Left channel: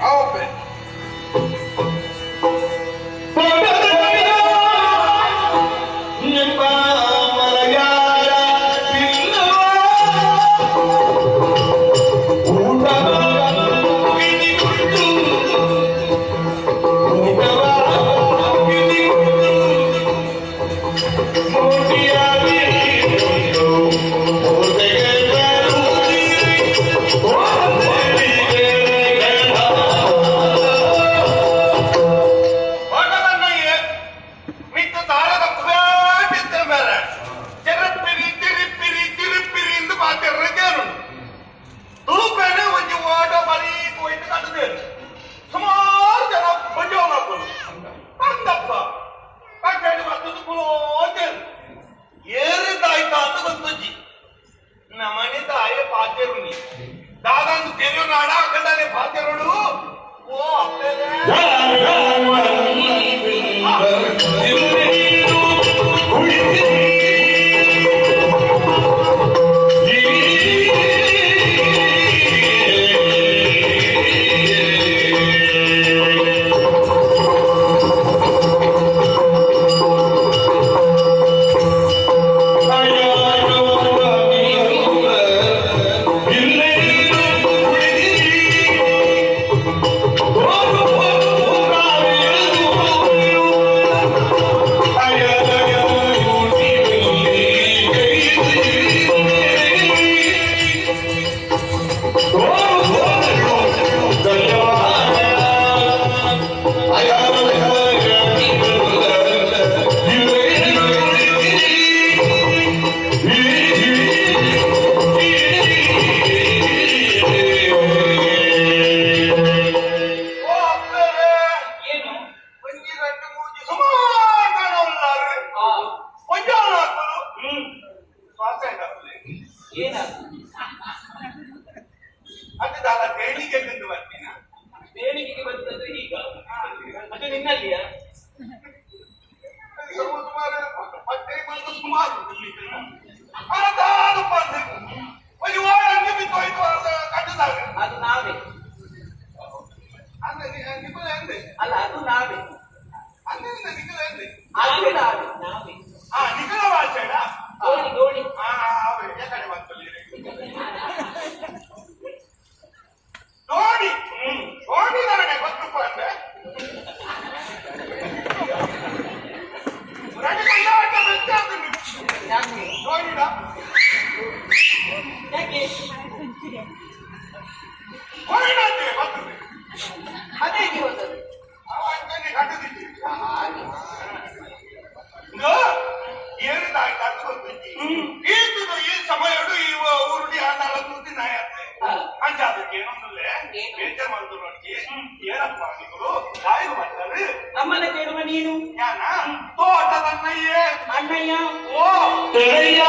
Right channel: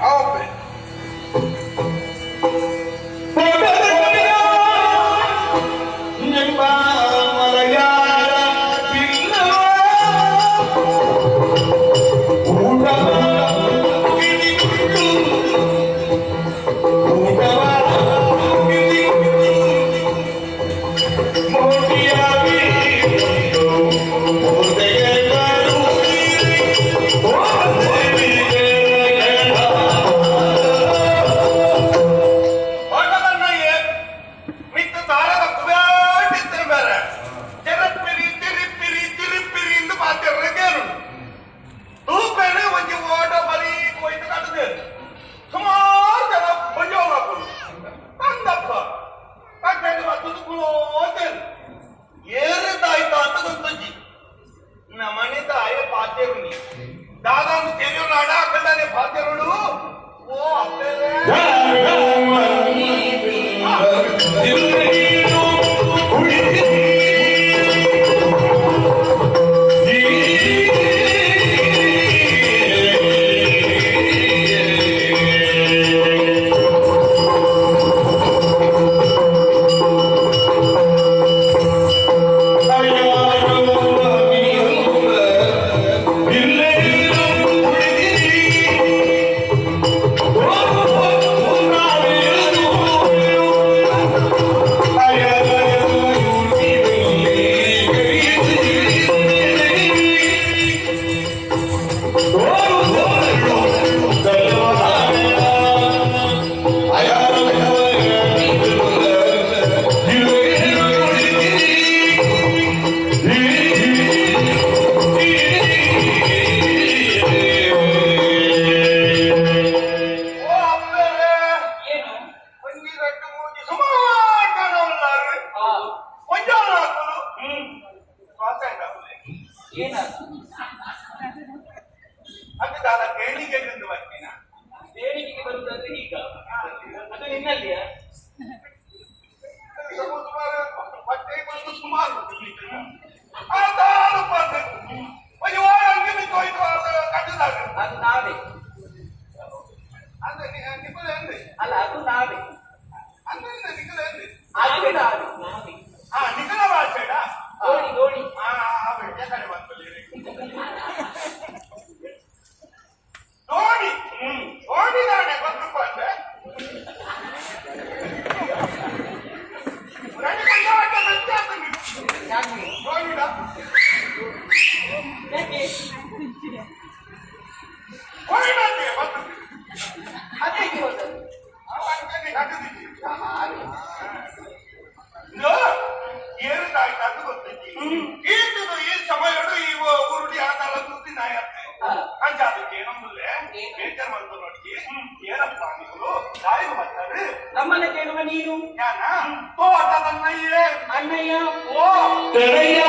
open ನಮ್ಮನ್ನ ಕೇಳುವ ನೀನು ಯಾನ ತೋಟದನ್ನಯ್ಯೇ ಅಣ್ಣಯ್ಯ ಓ ಅಣ್ಣಯ್ಯ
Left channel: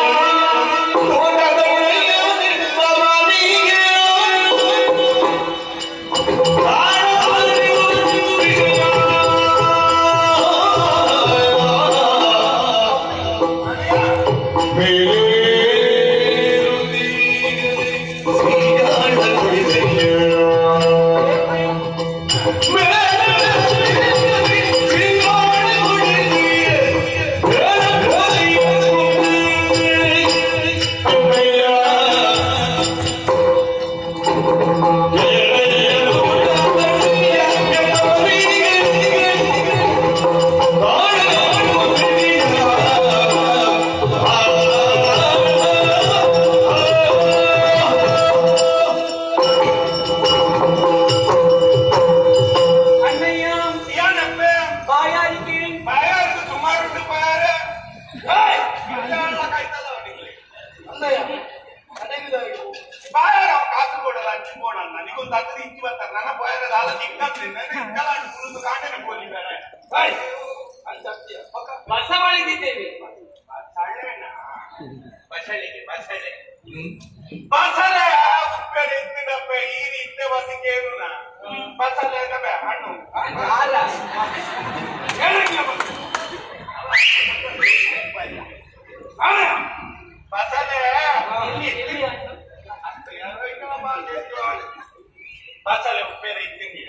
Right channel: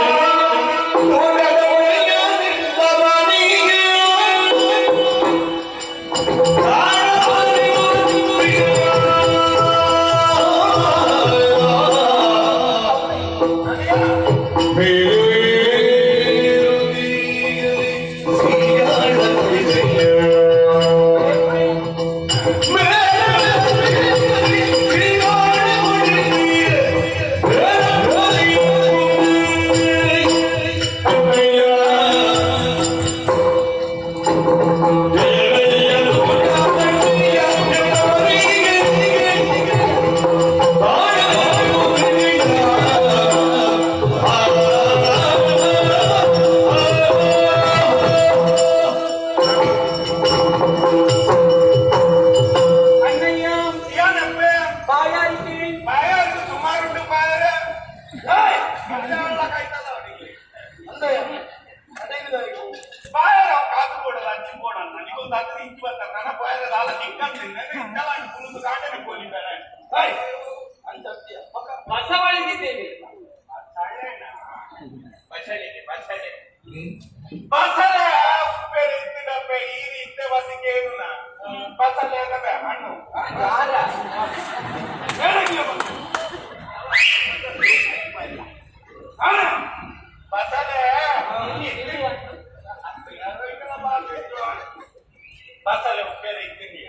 ಬಸಳೆ ಉಪ್ಪೆಲೆ ಇತ್ತಿದೀಯ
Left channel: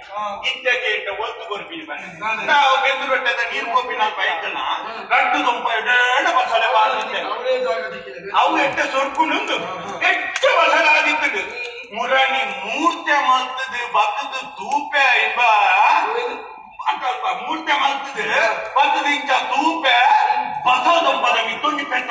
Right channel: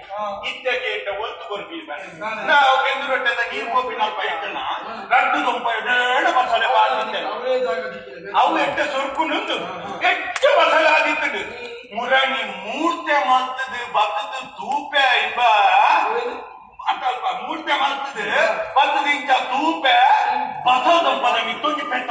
ಇದ್ದಕ್ಕೆ ಇಟ್ಟ ಒತ್ತು ಬರ್ಬೀಗ ನಾವು ಬೆಂದು ರೊಟ್ಟೆದ ನೀರು ಕೊಬ್ಬಿನ ಕೈತನ ಗಡ್ಡು ದುಂಪ ಎಡ ಮಸಾಲೆ ಅವು ಎಟ್ಟ ಸೊರ್ಕೊಂಡು ಎಟ್ಟ ಮಸಾಲೆ ಆಗಿತ್ತು ಮುರಾಣಿ ಮೂರ್ತೆ ಮಾಡ್ತದೆ ಬತ್ತದ ತೂಪ ಎಂಬ ಅಲ್ಪ ಮೂರ್ತೆ ಮಾಡ್ತದೆ ಬತ್ತದ ಇಂಚ ತೂಪ ಬಸದ ಪದವಿ ತುಂಡಿ ಪೆಟ್ಟ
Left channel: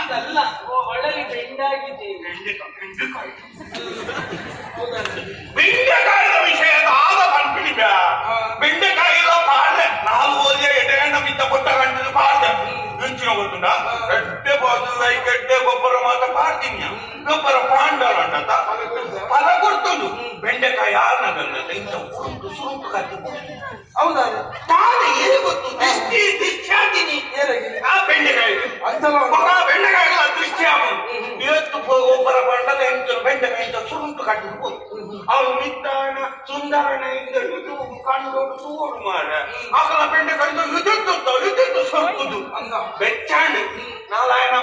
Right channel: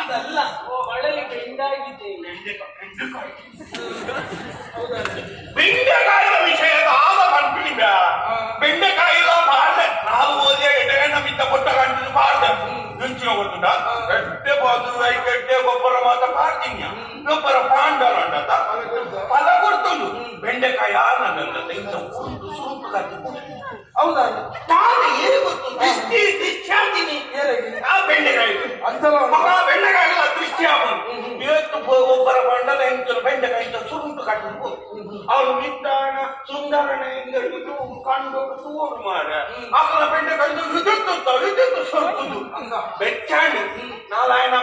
ಅದಲ್ಲ ಒಳ್ಳೆ ವಿಷಯ ಆದ ಕಂಪಿಡಿದ ಬೆಂಡೆಕಾಯಿಲ ಪಾಡ್ಲೆ ನಾವು ಓದಿಯ ಎಡೆಯನ್ನ ಕೊಟ್ಟ ಕಂಡು ಪಾಡ್ದೆ ಮುಂಚಿನ ಒಂದುಂಡ ಗಡ್ಡೆ ಬಾಜುವಾಯಿ ಗಡ್ಡೆ ಗೊಬ್ಬರ ಮಾತ್ರ ಪಾಡ್ತೀನಿ ಗೊಬ್ಬರ ಪಾಂಡವಣ್ಣ ಫಲ ಗುರ್ತುಂಡು ಬೆಂಡೆಕಾಯಿ ಆರ್ನ ಬೆಲ್ಲ ತೆಗೆದ ಒಂದು ಸುರುಪು ಕತ್ತಿ ಹೌದಾ? ತಾನು ಏನು ಗೊತ್ತು ದಿಷ್ಟಿ ದಿಷ್ಟಾದಿನಿ ಆ ಬೆಂಡೆಕಾಯಿ ಅಂತಲ್ಲ ಮಗ ಬೆಂಡೆಕಾಯಿ ದೃಷ್ಟಿ ಅವನು ಇವತ್ತು ಒಬ್ಬರ ಮಂಡಲ ಎಂತ ಬೆಂಡೆಕಾಯಿ ಅಂತ ಸುರುಂಟು ಕಟ್ಟಿದ್ರು ಅವನು ನಿದ್ದಾನ ಸುಂದರನೆಯಿಂದ ಇದು ಕಂಡು ಸೂರು ಮಾಡ ಅವನ ಬೆಂಡೆಕಾಯಿ ವಿದ್ಯುತ್ ವಿದ್ಯುತ್ ಸೊಂಕುದು ಬೆಚ್ಚಾಣಿ ನಾಳೆ ఆయన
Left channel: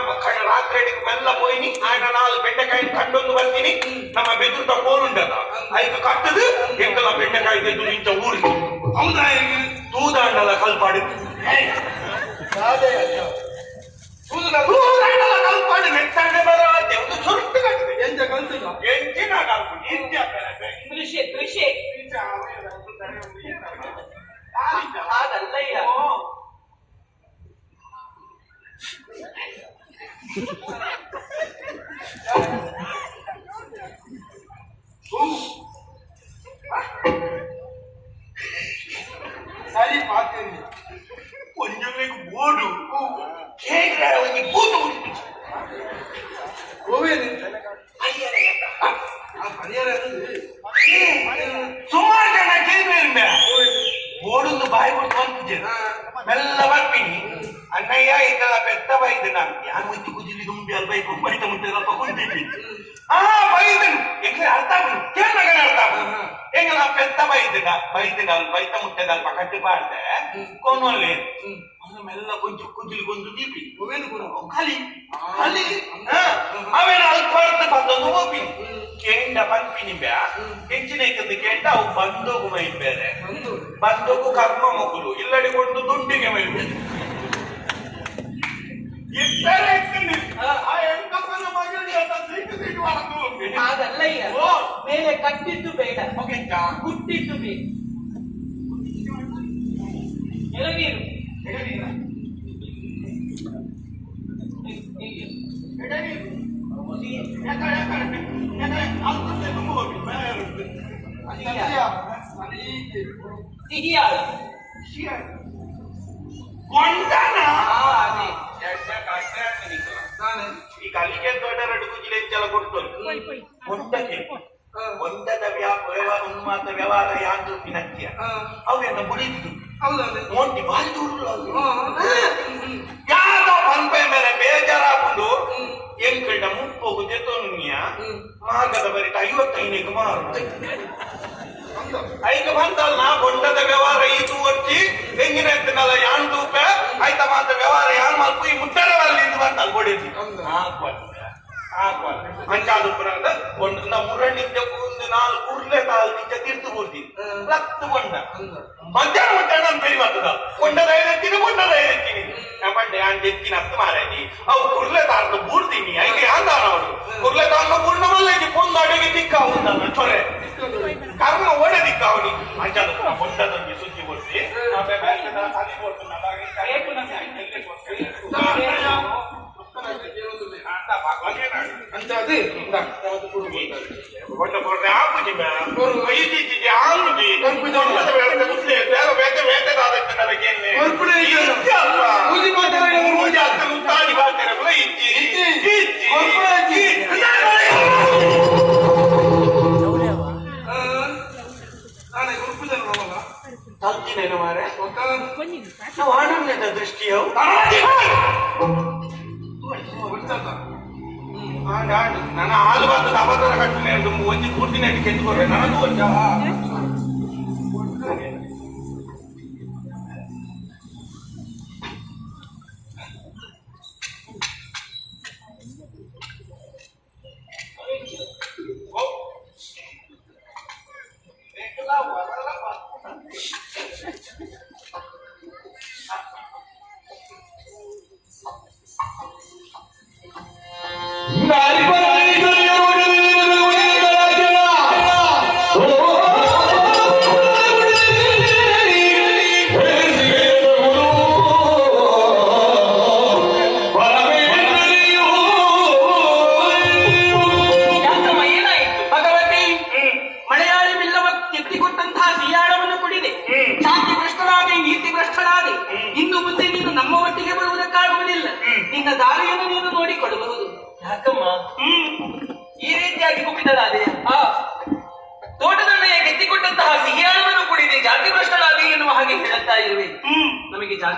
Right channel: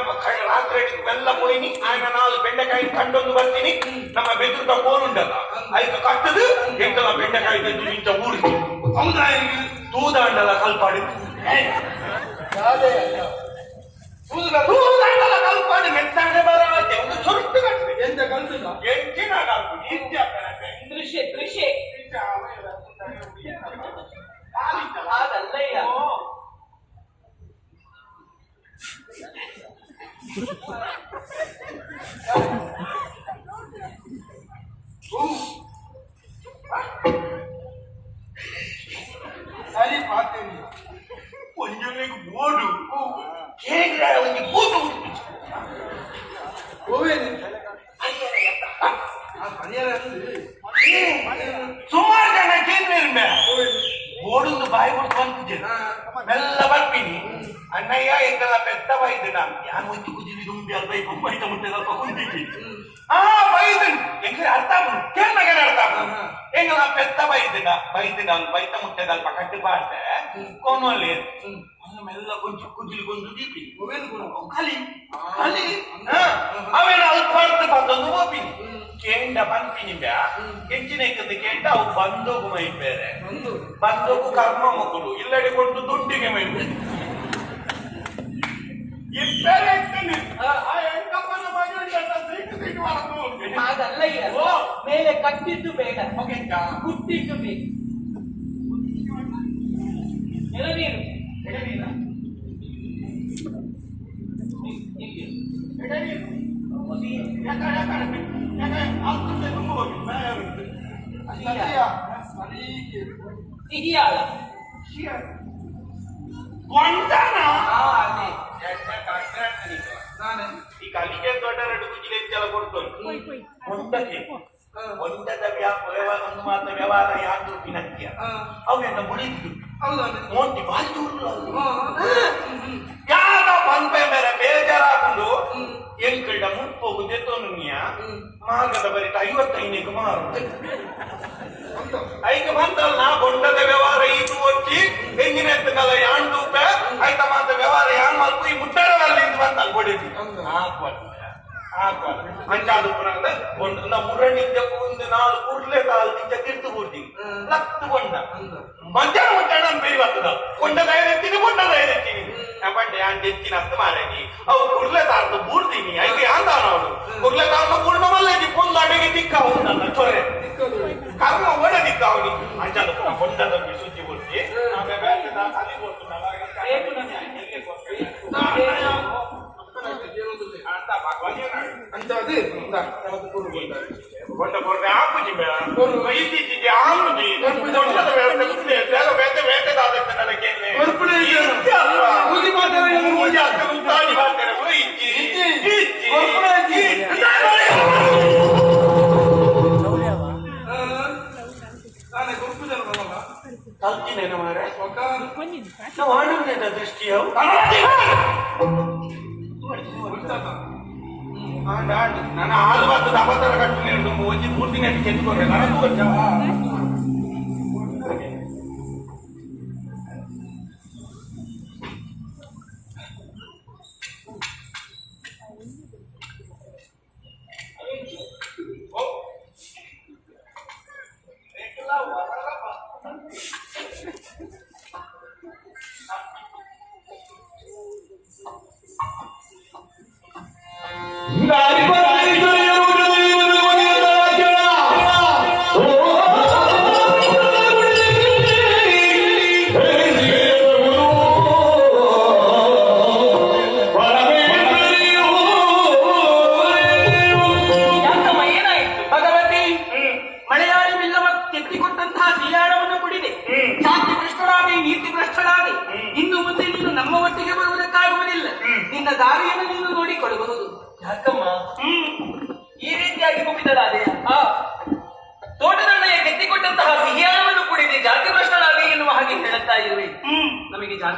రాత్రి మెల్ల పోయి ఆయన నాలుగు బెండకాయ కండొందు పట్టిని ನಮ್ಮ ಬೆದುರ್ದ ಕೋಲುಂಡಲ್ಲ ಐದು ಕಟ್ಟದು ಎಂಕಲ ಬೆಂಡೆಕಾಯಿ ತೆಗೆದು ಇಂಚ ಊರಿಗೆ ಹೌದಾ ತೂದಾಂಡಲ ಕಲ್ಪಾಡಿ. ಅದೇ ತೂದಾಂಡಲ ಕಲ್ಪಾಡಿ ಮೆಚ್ಚಾಂಡೆ ಬರತ್ತೆ ಒಂದು ಸುರುಟ್ಟು ಕಟ್ಟಿದೆ ಎಂತ ಕಲ್ತಿಲ್ಲ ಎಂಚಿನ ಕೃಷಿ ಕೃಷಿ. ಅದಲ್ಲ ಇಲ್ಲ ಆ ಪನಿಯರ ಸುಮಾರು ಜನ ಕೇಳಿರ್ಬೆ ಓಡುದು ಬಾಯಿ ಕೊಟ್ಟು ಬಂತಿದ್ದೆ ಮೆಲ್ಲ ಬರ್ತೀನಿ ಅಣ್ಣಯ್ಯ ಈಗೆಲ್ಲ ಬೆತ್ತ ಬೈದು ನಾನು ಯಾರು ಒತ್ತಿ ಕುದಿಲಿ ದುಂಬಿ ಅಲ್ಲಿ ಬೈಕು ಬೈತ ಮುಟ್ಟದಪ್ಪ ಕುಂತಿದ್ವಿ ಆ ಬೈದನು ಹೆಂಗ ಅರ್ಥ ಬಂದು ಕೇಳಿದಾಗ ಅರ್ಥ ಬಂದು ಹೆಂಗಲ್ಲ ಬೆತ್ತ ಬೈದಿನ ಬೈದಿನ ಅಲ್ಲಿ ಬೈತ ಮುಟ್ಟದಲ್ಪ ಕಟ್ಟಿ ಬಾರ್ದೆ ಕೊನ್ನೊಲ್ಲಿ ಅದು ಮೆಲ್ಲ ಕೊಂಚ ಕುದಿಲಿ ಕೊಂದು ದೀಪಿ ಗೋವೇನೆ ಗುರು ಖಾಲಿ ಖಾಲಿ ಬಂತೀನಿ ಬ್ಯಾ ಹೆಚ್ಚಿನ ಐತದ ಕೇಂಡ ಅವು ಬಂದೋಗು ಮೈನ್ ಬೇರೆ. ಬಂದು ಬಂದೋಗು ಕರ್ಮ ಮಗುಲು. ಇಲ್ಲಡಿ ಕೊಂಡು ದುಡ್ಡಿಗೆ ಮೈನ್. ಬೇರೆ ಕಟ್ಟಿದ್ದು ಬೇಡ. ಕುಟ್ಟಿದ್ದು ಹೆಣ್ಕಪ್ಪನ ಒಂದಕ್ಕೆ ಒಂದದ ವ್ಯಾಪಾರ ಉನ್ಮಾತ ವ್ಯವಹಾರ ಯಾಂದು ವಿನಕ್ಯ ಅವೆಂದ ಮುಡಿದು ಹೌದಾ ಮೋಟಿ ಬಾರಿ ದೂರ ಯಾಕ ಪಂಪೆ ಮೇಲೆ ಬೇಜಾರಾಗುದು ಎಂಕಲ್ಡ ಮುಪ್ಪೋಗು ದೆತ್ತೋನುನಿಯ ಮಾರ್ಗದ ಬರಿಕ ಐವತ್ತೈನಿಗೆ ಮಾರು ಐದು ಬಂತಲ್ಲ ಬೊಂಡದ ವ್ಯವಹಾರ ಇದು ಒಟ್ಟಿ ಹೆಂಗಿನ ಕಾಲ ಯಾನ್ ತೂಕ ಐತ ಮಾತ ವ್ಯವಹಾರ ಯಾನ್ ಮಾತು ಈ ಮುಟ್ಟರ ಅಲ್ಲಿ ಬಂತಲ್ಲ ಕೊಡಿಸಿ ಮಂಜಾದು ಪುರದ ಒಂದು ಮುರಣಿದ್ದ ಒಂದು ನಾಲ್ಕು ಉರ್ಲೆ ಕಾಲದಿಂದ ತೀರ್ತು ಕೊಡ್ತೀನಿ ಲತ್ತು ಕೊಂಡ ಮಧ್ಯಾಹ್ನ ಮಧ್ಯಾಹ್ನ ಅಂತ ಬರ್ತದ ಕೊಂಡದ ಐದಕ್ಕಿನಿ ಕೊಂಡದ ಐದಕ್ಕಿನಿ ಬಂಡೆ ಅಂದ್ ಎತ್ತಿನ ಹತ್ತು ಮಾರಾಯಿ ಅವು ಕುರ್ಲೆ ತಾರ್ದು ಬೂರ್ದಿನಿ ಐಗೆ ಅಂದಾನ ಅವಳು ಕುರ್ಲೆ ತಾರ್ನ ಪೂರ್ಣ ಮಲ್ಲಿಗೆ ಪೊಂದ ಅಡಿಗೆ ದಿಕ್ಕ ಅವನ್ನ ಚೊರೆ ಕರ್ಮ ಒಡೆ ದಿಕ್ಕ ಅವನಿ ಅಂಜಾದ ಕೊಂಡದಲ್ಲಿ ಸುದ್ದಿ ಕೊಡ್ತಿ ಆಮೇಲೆ ಅದೇ ಇಂದ, ಯಾವ್ದು ಕೊಡು ಒಳ್ಳೆ ಪೊರಟೆ ಆಪುಜಿ ಬೇಡ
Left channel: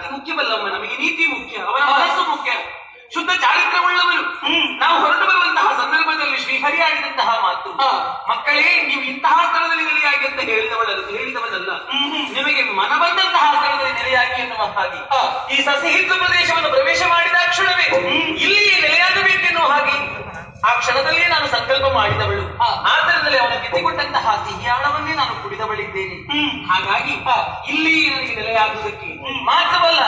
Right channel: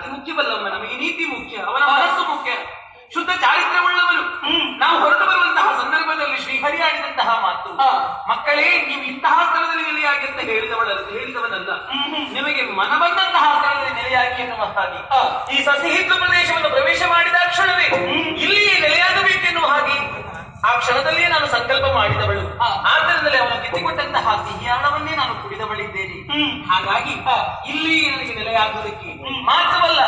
ಜಾತಿ ಮುಖ್ಯವಲ್ಲಮ್ಮ ನಮಗೆ ನೀತಿ ಮುಖ್ಯ ಅವನ ಮನಸ್ಸು ಮುಖ್ಯ. ಶುದ್ಧ ಚಾರಿತ್ರ್ಯವುಳ್ಳವನು ನಾವು ಹೊರಟು ಬರುವಂತಹ ಸಂದರ್ಭದಲ್ಲಿ ಶ್ರೀಹರಿ ಆಡಿದಂತಹ ಮಾತು ಮಕ್ಕಳೇ ನೀವು ಇಂತಹ ಸ್ಥಳದಲ್ಲಿ ನೆಲೆಯಾಗಿ ಅಂತ ಹೇಳಿದವಳಲ್ಲ ಹೇಳಿದವನಲ್ಲ. ನಿಮಗೆ ಮನ ಬಂದಂತಹ ಸ್ಥಳದಲ್ಲಿ ನೆಲೆಯಾಗಿ ಎನ್ನುವ ಹಾಗೆ ಈ ಸಸಿಹಿತ್ತು ಪ್ರದೇಶವನ್ನು ಪ್ರವೇಶ ಮಾಡಿದ ಕ್ಷಣವೇ ಇಲ್ಲಿಯೇ ನೆಲೆಯಾಗಬೇಕೆನ್ನುವ ಹಾಗೆ ಆ ಕ್ಷಣದಲ್ಲಿಯೇ ನಾನು ಸಂಕಲ್ಪ ಮಾಡಿದವಳು. ಆದ್ದರಿಂದಲೇ ಸಿಹಿ ಸಿಹಿಯಾಳವನ್ನೇ ನಾನು ಕುಡಿದವಳಿದ್ದೇನೆ ಹಾಗಾಗಿ ಇಲ್ಲಿ ನನಗೆ ನೆಲೆಯಾಗುವುದಕ್ಕೆ ಮಾತ್ರವಲ್ಲ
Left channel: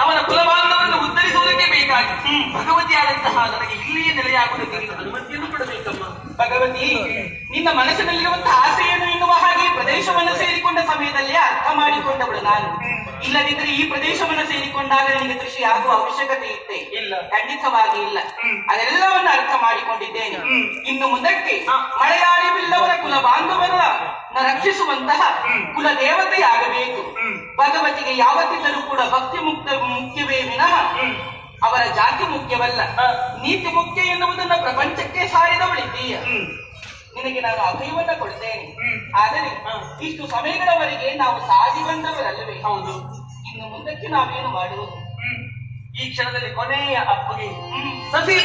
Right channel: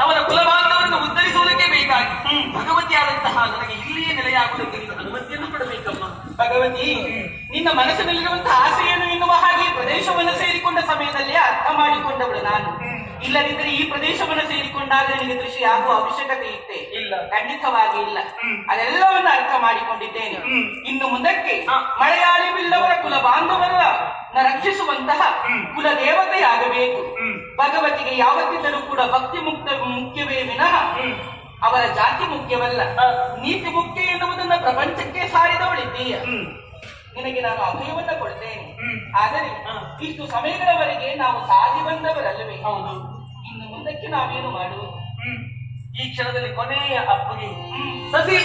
ಅವನ ಕುಲಬಾಂಧವನ್ನು ಉದ್ಧರಿಸುವುದಕ್ಕೆ ಬೇಕಾಗಿ ಭಗವತಿಯಾದಂತಹ ನನಗೆ ಇಲ್ಲಿಯೇ ನೆಲೆಯಾಗುವುದಕ್ಕೆ ನೀನು ಅನುಮತಿಯನ್ನು ಕೊಡಬೇಕಮ್ಮ. ಭಗವತಿ ನಿನ್ನ ಮನಸ್ಸಿನಲ್ಲಿರುವಂತಹ ಆಸೆಯನ್ನು ಎನ್ನುವ ಹಾಗೆ ಪ್ರದೇಶವನ್ನು ಸೇರಿಕೊಂಡ ಸಮಯದಲ್ಲಿ ಮಾಡಿಕೊಂಡವಳು ನಾನು. ಇಲ್ಲದಿದ್ರೆ ಈ ಪ್ರದೇಶವನ್ನು ಸೇರಿಕೊಂಡಾಗ ನಿನಗೆ ಕೃಷಿ ಆಗುವ ಅವಶ್ಯಕತೆ ಇತ್ತೆ. ಇಲ್ಲ. ಖಂಡಿತವಾಗಿ ಇಲ್ಲ. ಅದೆಲ್ಲವನ್ನು ಅರ್ಥ ಮಾಡಿಕೊಂಡಿದ್ದೇನೆ. ಇನ್ನು ಮುಂದಕ್ಕೆ ಮಲಯಾಳಿ ಬಿಲ್ಲವರ ಕುಲ ಬಾಂಧವರ ರಕ್ಷಿಸುವಂತಹ ಕುಲ ದೇವತೆಯಾಗಬೇಕು ಭಗವತಿಗೆ ಯಾವತ್ತಿದ್ದರೂ ಕೂಡ ಭಕ್ತಿ ಮುಕ್ತ ಮುಖ್ಯವೇ ವಿನಃ ಅವರ ಜಾತಿ ಮುಖ್ಯವಲ್ಲ. ನೀತಿ ಮುಖ್ಯ ಎನ್ನುವುದನ್ನು ಪ್ರಪಂಚಕ್ಕೆ ಸಾರಿದವಳಿದ್ದೀಯ. ನಿನಗೆ ನಾನು ಅಭಯವನ್ನ ಕೊಡ್ತೇನೆ. ಆದರೆ ಇಷ್ಟು ಸಮಯಗಳವರೆಗೆ ನಾವು ಸಾಗಿ ಬಂದವರಲ್ಲವೇ? ಹೌದು. ಇನ್ನು ಮುಂದಕ್ಕೆ ನಾವೇನು ಮಾಡುವುದು? ಈ ಕ್ಷಣದಲ್ಲಿ ಕೊನೆಯ ಅಪ್ಪಗೆ ಸಸಿ